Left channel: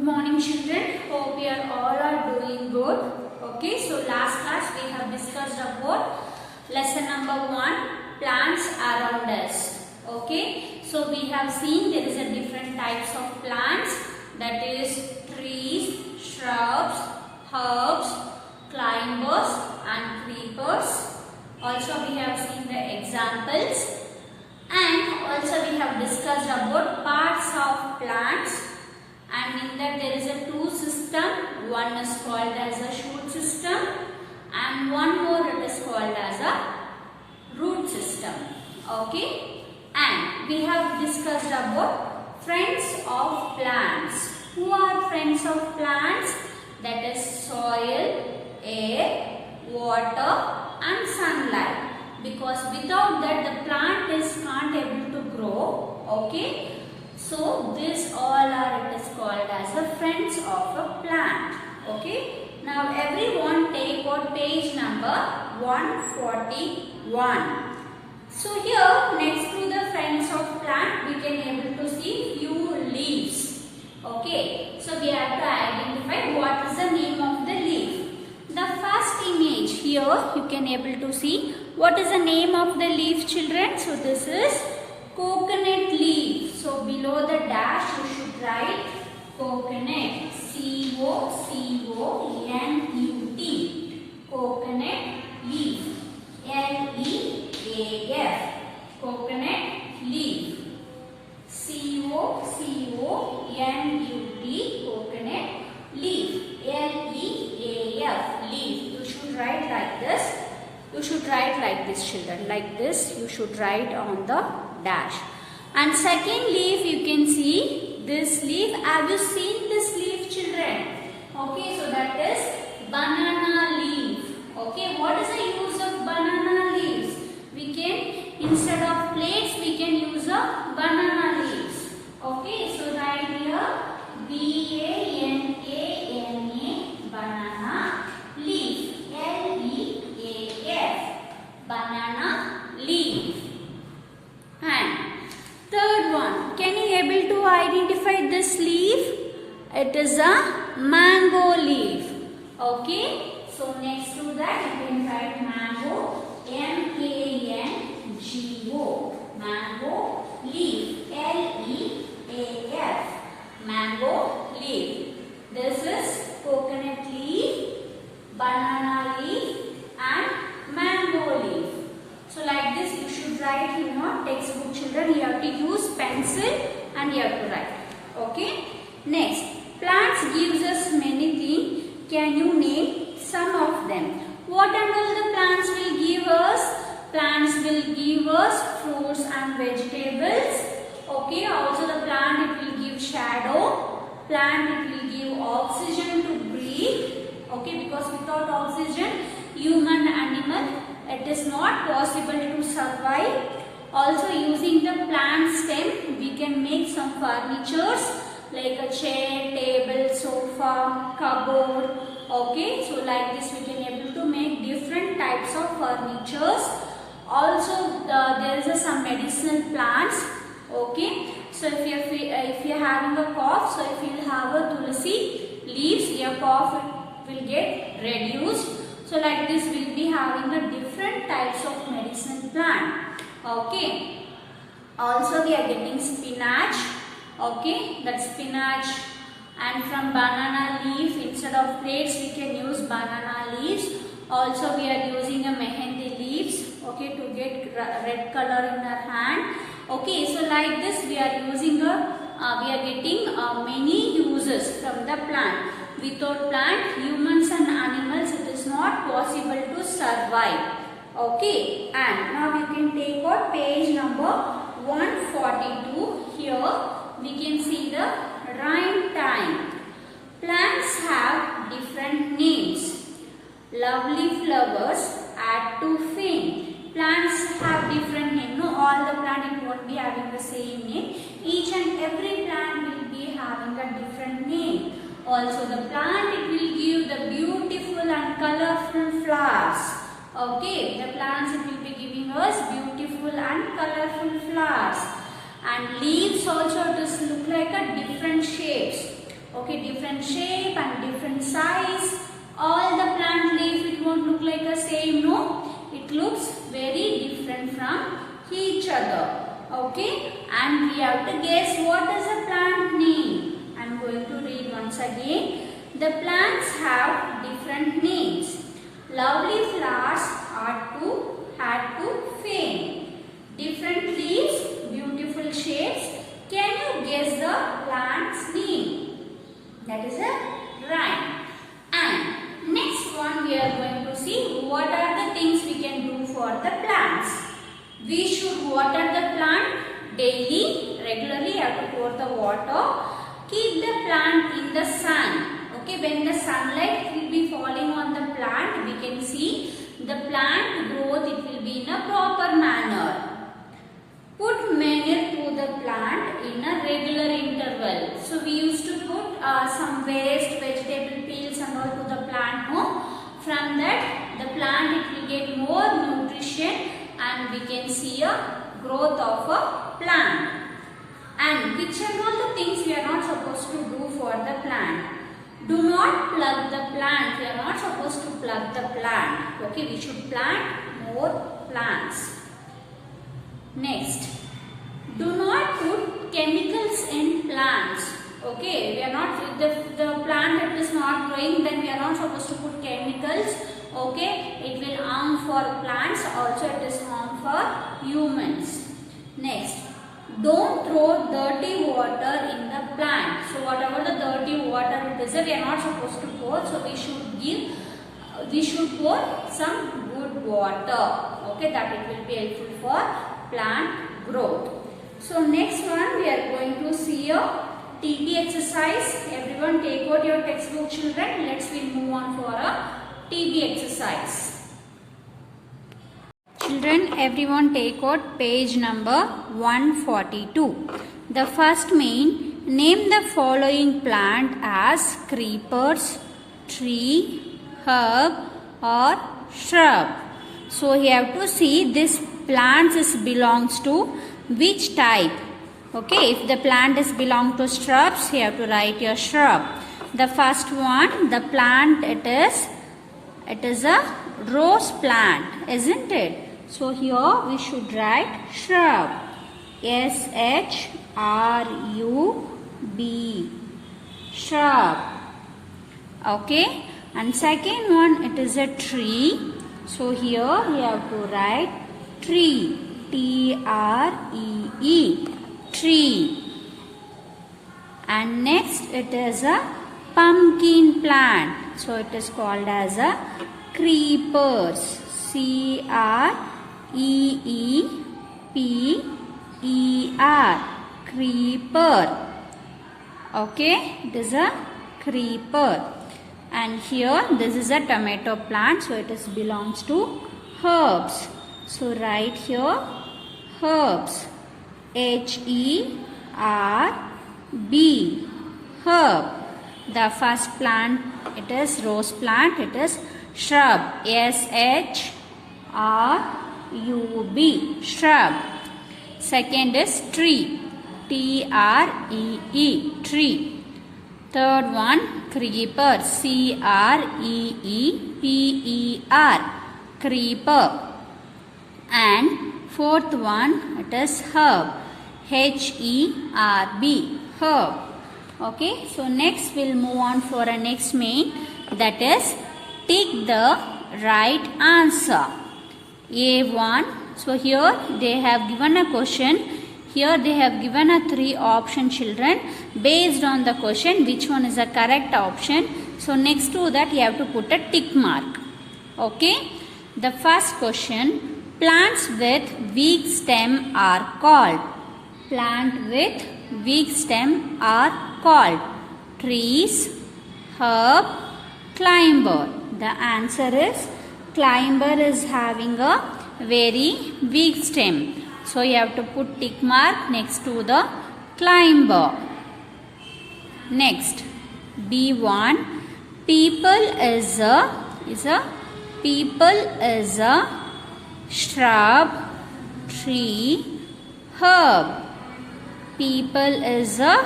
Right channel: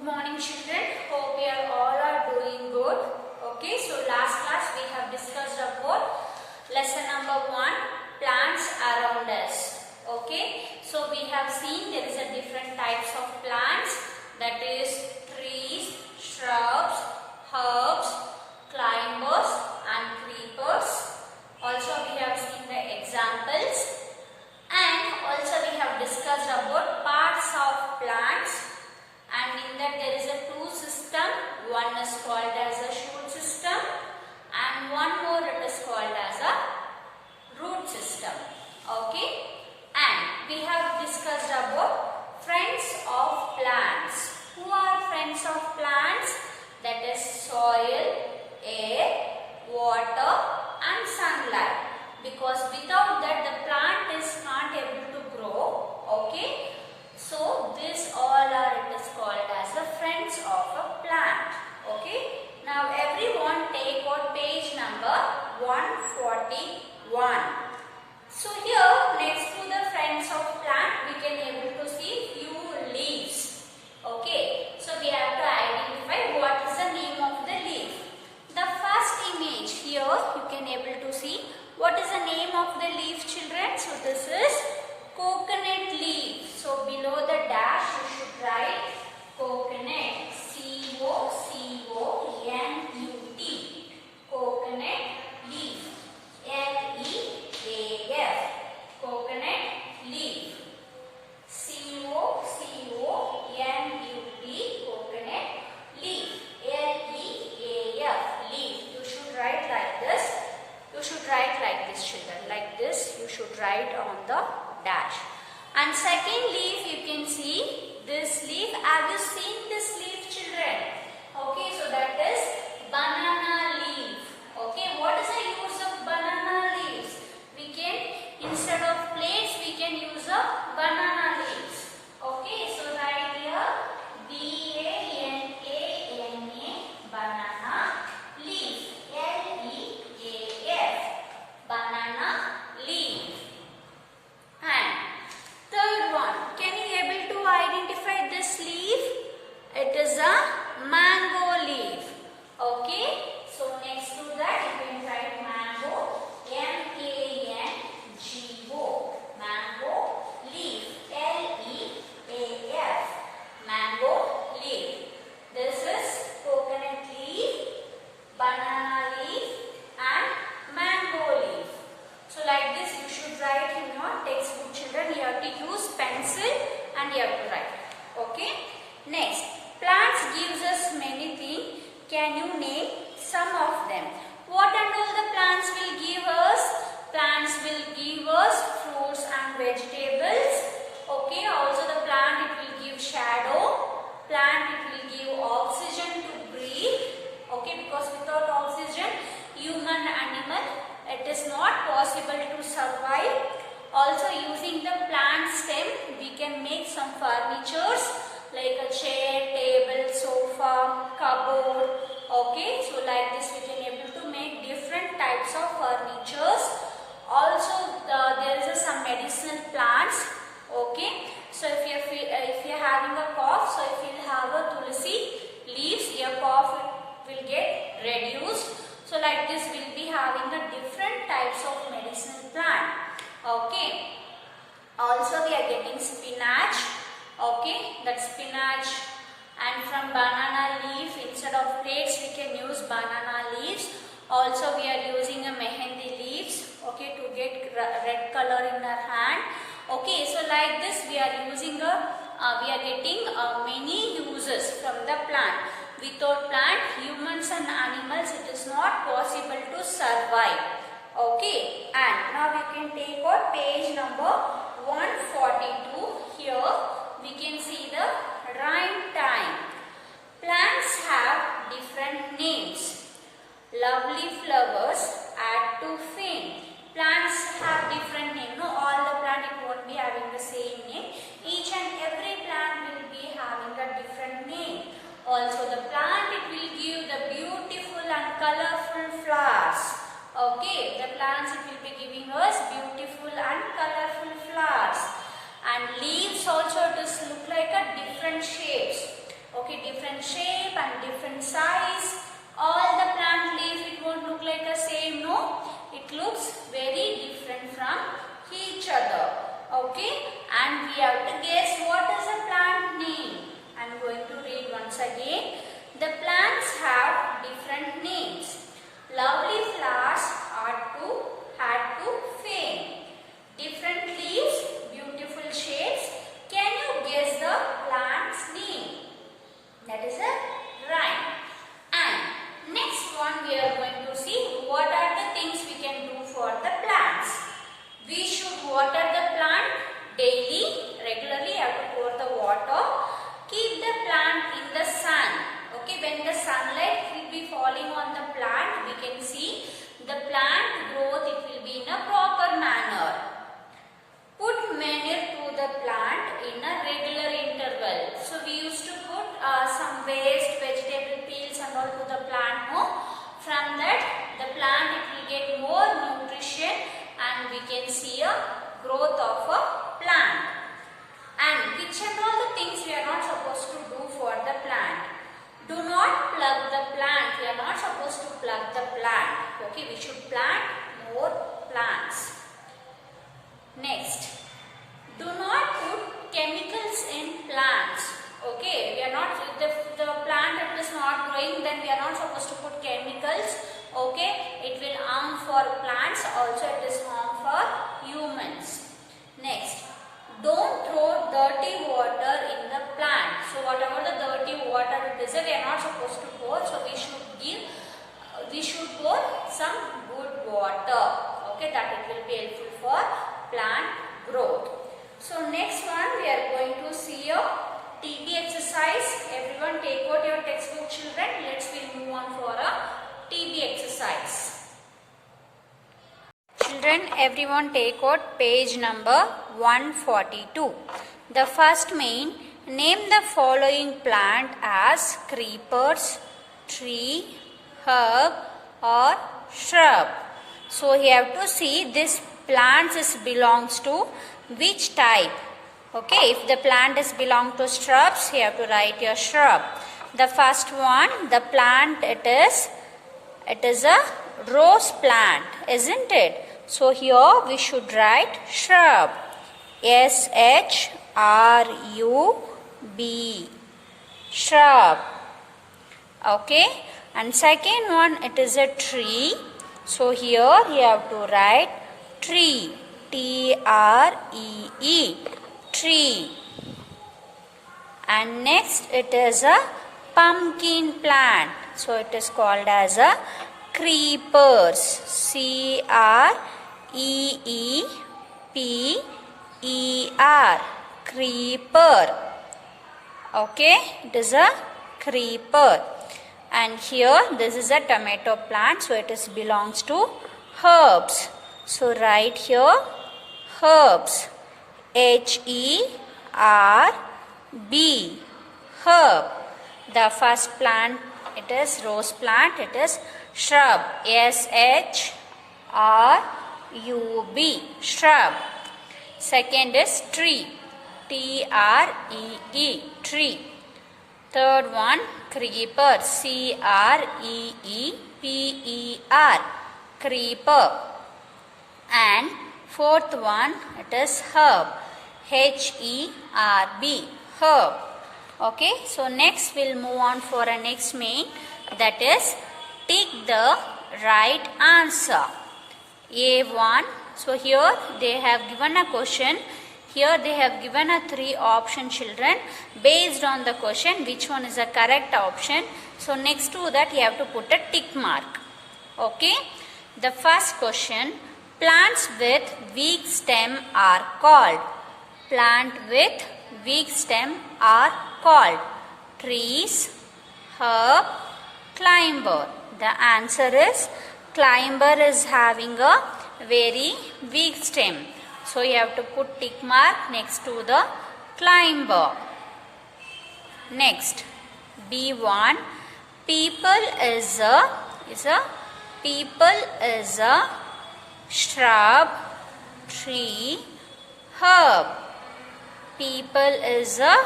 Good morning children, hope you all are doing good. Okay, so last class we have discussed about lesson number 1, plants around us. Okay, so we have seen there is a different types of plants, that is trees, shrubs, herbs, climbers and creepers. Also we have seen the examples, and also we have discussed about parts of plants. And in that there is a two system. One is called as a shoot system and one more it is called as a root system. Okay, and we have discussed about friends of plants. Who are friends of plants? That is soil, air, water and sunlight, because without that the plant can't able to grow. Okay, so this all are it is called as the friends of a plant. Okay, now everyone take out page number 141. So here next to the friends of plant we can able to see few leaves. Okay, so we have to identify what is the name of the leaf. The first image here you can able to see what is the name of the leaf, children. So this is coconut leaf. So below the dash you should write coconut, C-O-C-O-N-U-T, coconut leaf, L-E-A-F, coconut leaf, C-O-C-O-N-U-T, coconut leaf, L-E-A-F, leaf. You should write like this. You should write like this, children. Like this you should write on the dash. And second leaf you can see this leaf. Have you seen this leaf, children? Okay, so that is banana leaf. Okay, what is the use of banana leaves? We can, instead of plates we can use a banana leaves. Okay, so write here B-A-N-A-N-A, banana leaf, L-E-A-F, banana leaf. And third one, can you able to identify this leaf? It is a mango leaf. Okay, so next to that you can write mango, M-A-N-G-O, mango leaf, L-E-A-F, mango leaf. This is coconut leaf, banana leaf and mango leaf. So like this you should write in your textbook, children. You have to use pencil and you have to write. Okay. Next, plants gives us many things. Can you name some of them? What and all the plants will give us? Plants will give us fruits and vegetables. Okay. Also the plant it will give shadow. Plant it will give oxygen to breathe. Okay. Because without oxygen, human animal it is not possible to survive. Also using the plant stem we can make some furnitures like a chair, table, sofa, cupboard. Okay, so like this we can able to make different types of furnitures. Also there is some medicinal plants. Okay, so if you are having a cough, so if you have a tulsi leaves, your cough will get reduced. So like this we will be having a different types of medicinal plant. Okay. Also we are getting spinach. Okay, that spinach. And from banana leaf, instead of plates we can use banana leaves. Also we are using a mehendi leaves. Okay, to get red color in our hand. Okay, so like this we are using we are getting many uses from the plant. Without plant, humans and animals, it is not possible to survive. Okay, and now we can take out page number 142. Here we can see the rhyme time. Plants have different names. Lovely flowers add to fame. Plants have different names. No, all the plant it won't be having the same name. Each and every plant will be having a different name. Also the plant it will give the beautiful and colorful flowers. Okay, the plants it will be giving us beautiful and colorful flowers. And leaves also this look like a different shapes. Okay, different shape and different size. All the plant leaf, it won't look like a same, no? It looks very different from each other. Okay, and we have to guess what is a plant name. I am going to read once again. The plants have different names. Lovely flowers had to fame. Different leaves, beautiful shapes. Can you guess the plant's name? That is a rhyme. And next one we are going to see what are the things we can do for the plants. We should water the plant daily, regularly. You have to pour the water. Keep the plant in the sun. Okay, when the sunlight will be falling on the plant, we can see the plant growth, it will be in a proper manner. Put manure to the plant in a regular interval. So we used to put some waste, vegetable peels and all to the plant. No? From that, the plant it will get more nutrition and we can see a growth of a plant. And which are all the things we are not supposed to do for the plant? Do not plug the plant. We are not supposed to plug the plant. Okay, we should plant more plants. Next, do not put chemicals in plants. Okay, we are not, if the plant is not growing, then we are not supposed to put chemicals. Okay, it will harm for plants, also it is harm for humans. Next, don't throw dirty water in the plant. So whatever the dirty water it is, we are not supposed to pour. So we should pour some good water. Okay, that it will be helpful for plant growth. So next one we are going to see a TB exercise. Everyone take out your textbook, children. Let's move on for a TB exercise. Children, everyone take out page number 142. The first main, name the following plant as creepers, tree, herb or shrub. So you have to see this plant belongs to which type. Okay, if the plant belong to shrubs, you have to write your shrub. The first one, the plant it is a rose plant, isn't it? So here we should write shrub. S-H-R-U-B. Shrub. Okay. And second one, it is a tree. So here you have to write tree. T-R-E-E. Tree. And next it is a pumpkin plant. So it is called as a creepers. C-R-E-E-P-E-R. Creeper. Okay, it is a creeper. And here this is a tomato plant, so it belongs to herbs. So write here herbs. H-E-R-B. Herb. The first plant it is rose plant, it is shrub. S-H-R-U-B. Shrub. Second is tree. T-R-E-E. Tree. Third one, creeper. C-R-E-E-P-E-R. Creeper. And fourth one, it is herb. H-E-R-B. Herb. Okay, so next we'll move on for a next main, that is tick the right answer. A1. So here they have given a question. Here they have given a 3 option, children. Based on the question, which one is the correct option? So next to that you have to put a tick mark. Okay. The first question, plants with weak stem are called. Plant with weak stem are called trees, herb, climber. The answer is climber is having a very weak stem. So you have to put tick mark next to the climber. Next, B1. People is a shrub, tree, herb. People is a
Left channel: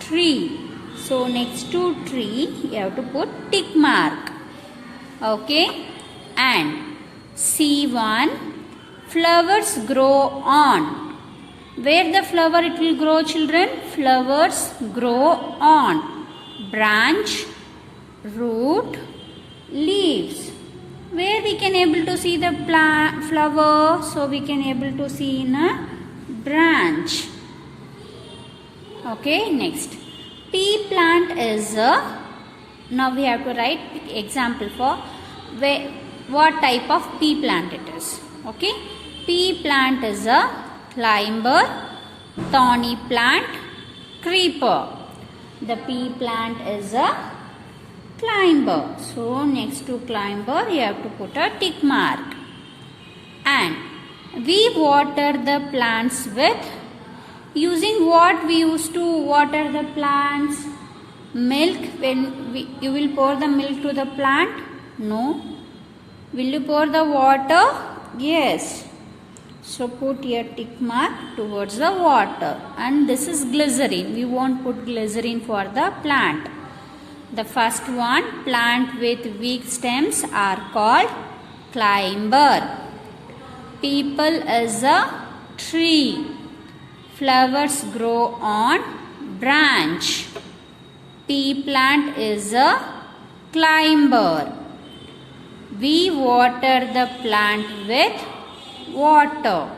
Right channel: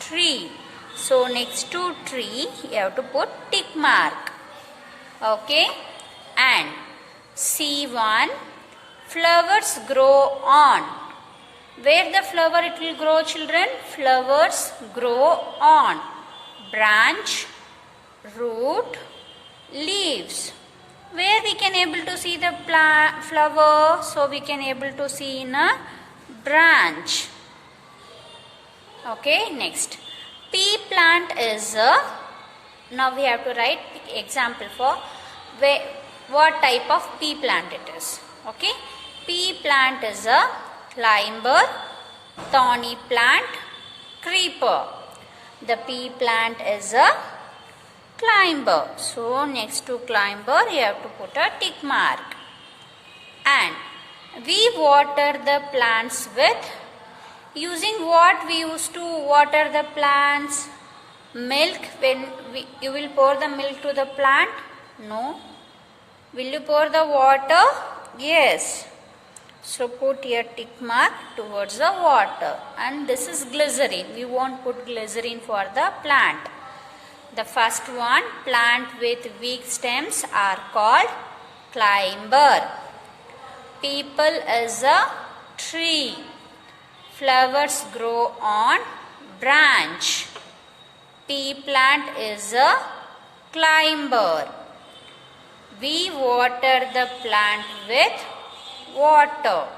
tree. So next to tree you have to put tick mark. Okay. And C1, flowers grow on. Where the flower it will grow, children? Flowers grow on branch, root, leaves. Where we can able to see the flower? So we can able to see in a branch. Okay, next. Pea plant is a, now we have to write example for what type of pea plant it is. Okay, pea plant is a climber, thorny plant, creeper. The pea plant is a climber. So next to climber you have to put a tick mark. And we water the plants with, using what we used to water the plants? Milk. When you will pour the milk to the plant? No. Will you pour the water? Yes. So put your tick mark towards the water. And this is glycerin. We won't put glycerin for the plant. The first one, plant with weak stems are called climber. People is a tree. Flowers grow on branch. Pea plant is a climber. We water the plant with water.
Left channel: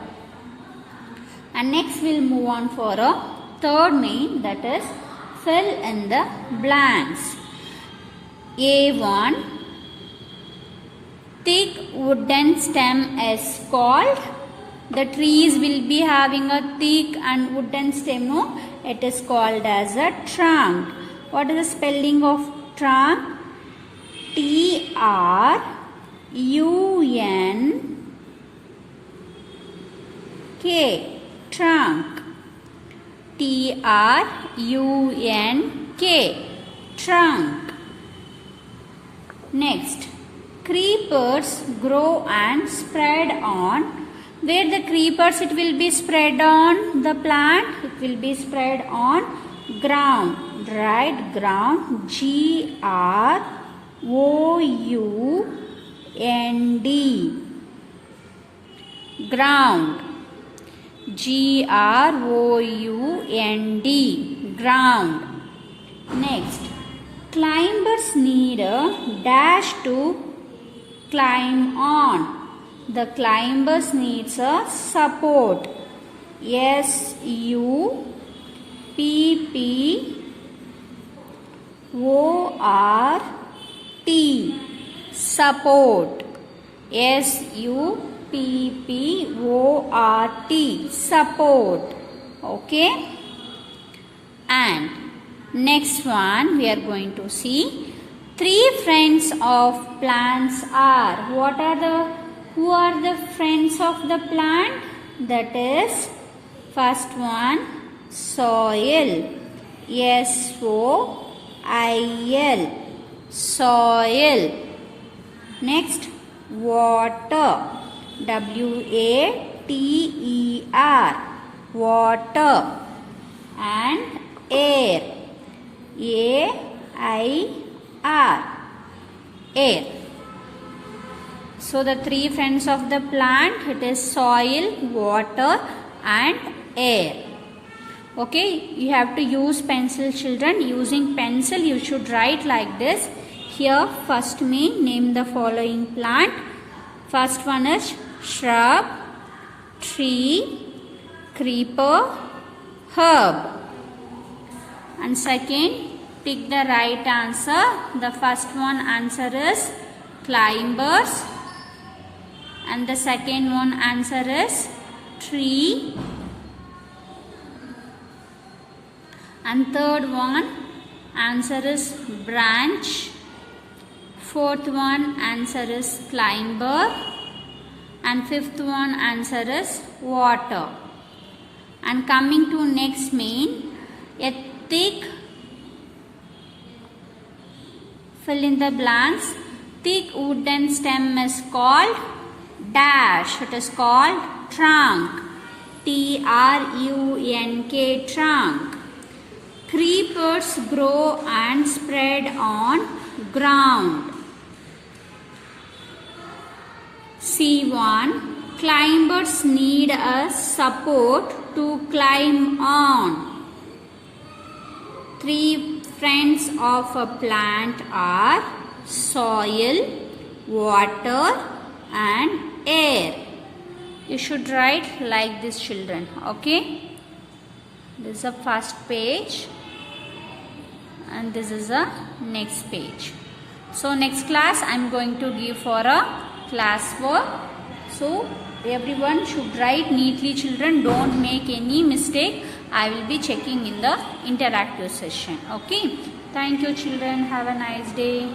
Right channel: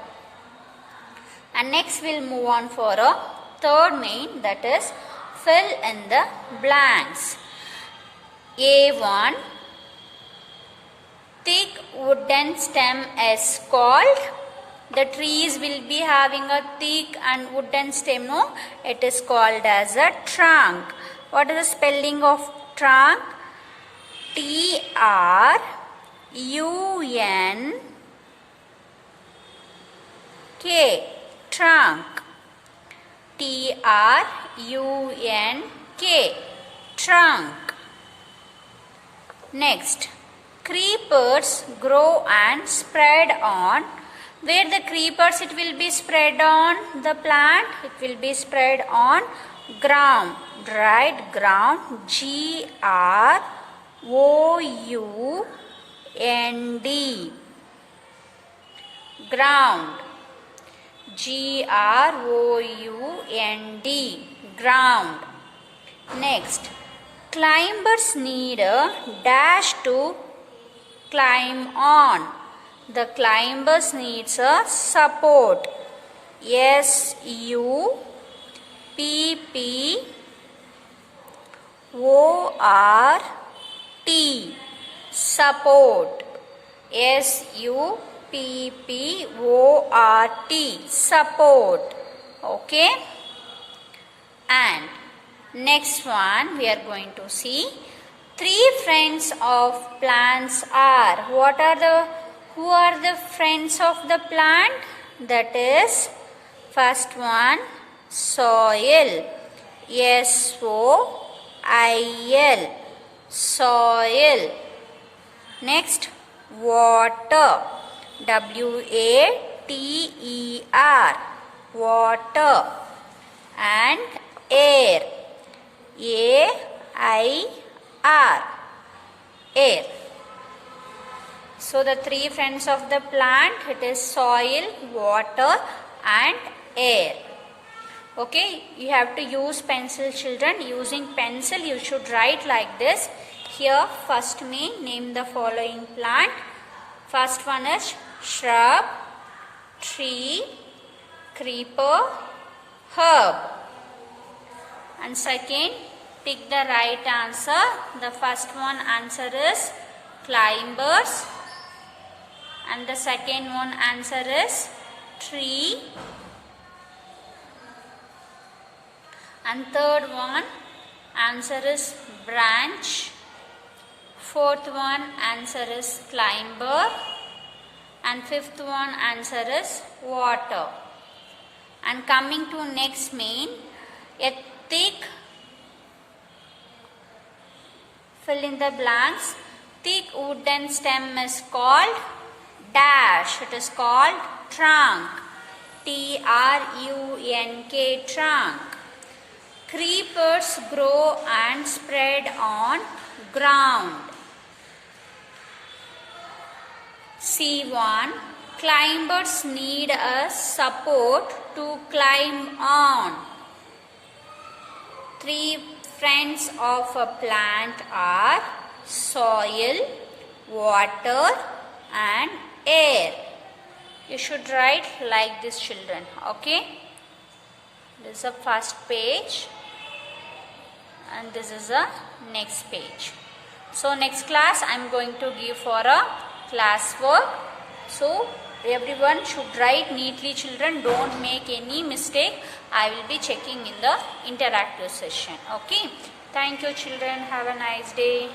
And next we'll move on for a third main, that is fill in the blanks. A1, thick wooden stem is called, the trees will be having a thick and wooden stem, no? It is called as a trunk. What is the spelling of trunk? T-R-U-N-K. Trunk. T-R-U-N-K. Trunk. Next, creepers grow and spread on. Where the creepers it will be spread on? The plant, it will be spread on ground. Right? Ground. G-R-O-U-N-D. Ground. G-R-O-U-N-D. Ground. Next, climbers need a dash to climb on. The climbers needs a support. S-U-P-P-O-R-T. Support. S-U-P-P-O-R-T. Support. Okay. And next one we are going to see three friends of plants are. Who are the friends of the plant? That is, first one, soil. S-O-I-L. Soil. Next, water. W-A-T-E-R. Water. And air. A-I-R. Air. So the three friends of the plant, it is soil, water and air. Okay, you have to use pencil, children. Using pencil you should write like this. Here first name the following plant. First one is shrub, tree, creeper, herb. And second, pick the right answer. The first one answer is climbers. And the second one answer is tree. And third one answer is branch. Fourth one answer is climber. And fifth one answer is water. And coming to next main, a thick, fill in the blanks, thick wooden stem is called dash. It is called trunk. T-R-U-N-K. Trunk. Creepers grow and spread on ground. C1. Climbers need a support to climb on. 3 friends of a plant are soil, water and air. You should write like this, children. Okay. This is the first page and this is the next page. So next class I am going to give for a class work. So everyone should write neatly, children. Don't make any mistake. I will be checking in the interactive session. Okay. Thank you, children. Have a nice day.